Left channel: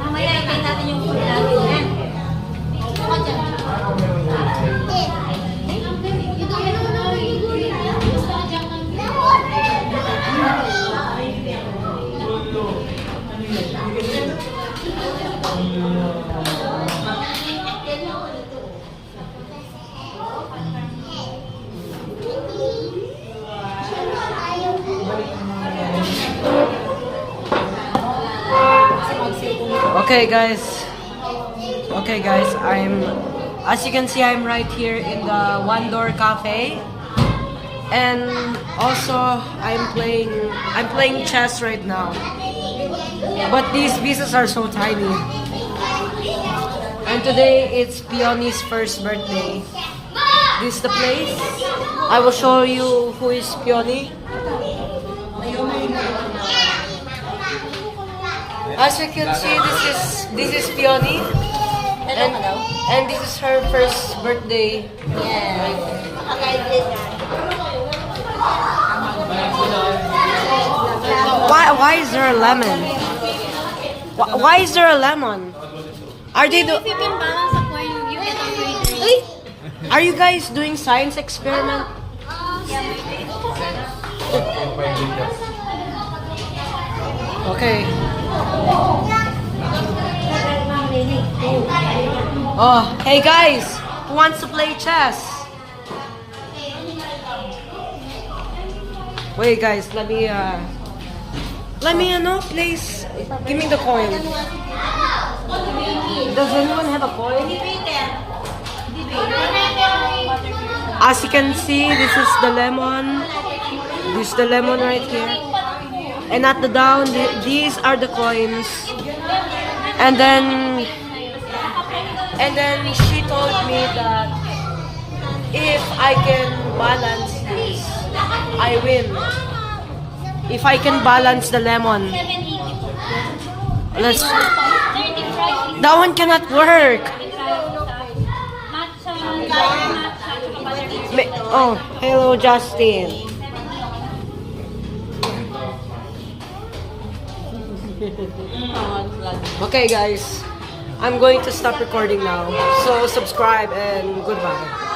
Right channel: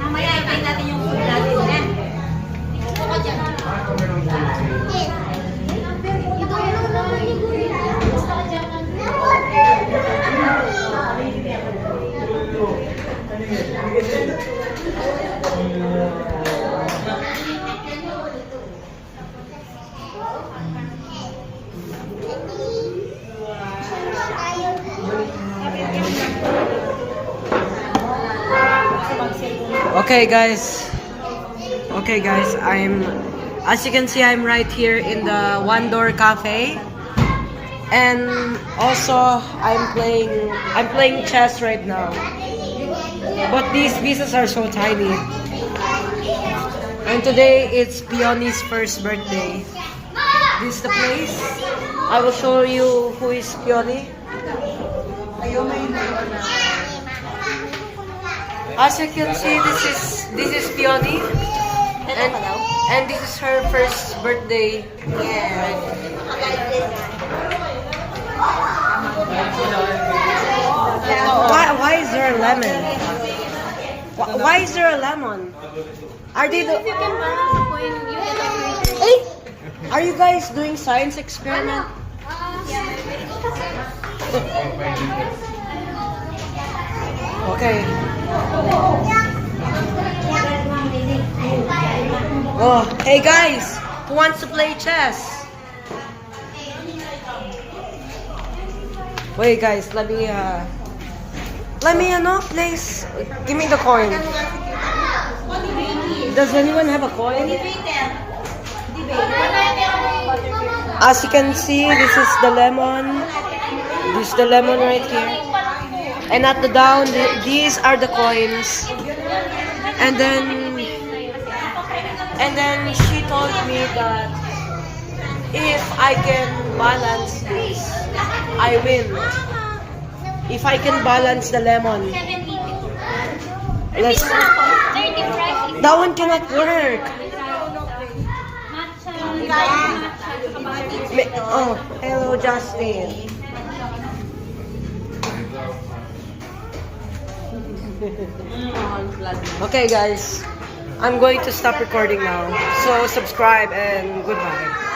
Mamaya ibigay natin yung food natin yan. Okay guys. Okay guys, as you can see, I'm right here in the One Door Cafe. And also I'm playing chess right now. But these pieces are so tiny. And today it's Peony's first birthday. This is the place. I will show you who is Peony. As you can see, this is Peony, and this is her first birthday. Why is there a lemon? Why is there a lemon? Are they If you can balance the coin, you get a free. Are you guys doing science experiment? Okay. Oh, hey guys, who wants to play chess? Wait guys, let me please give me the coin. Does anyone have a coin? As you can see, this is the lemon. This is the lemon right here. And at the down, these are the coins. And then she told me that if I can balance this, I win. If I can balance the lemon. Let's. That one cannot work. Oh, hello Justin. Okay guys, I'm going to stop recording now. So subscribe and goodbye.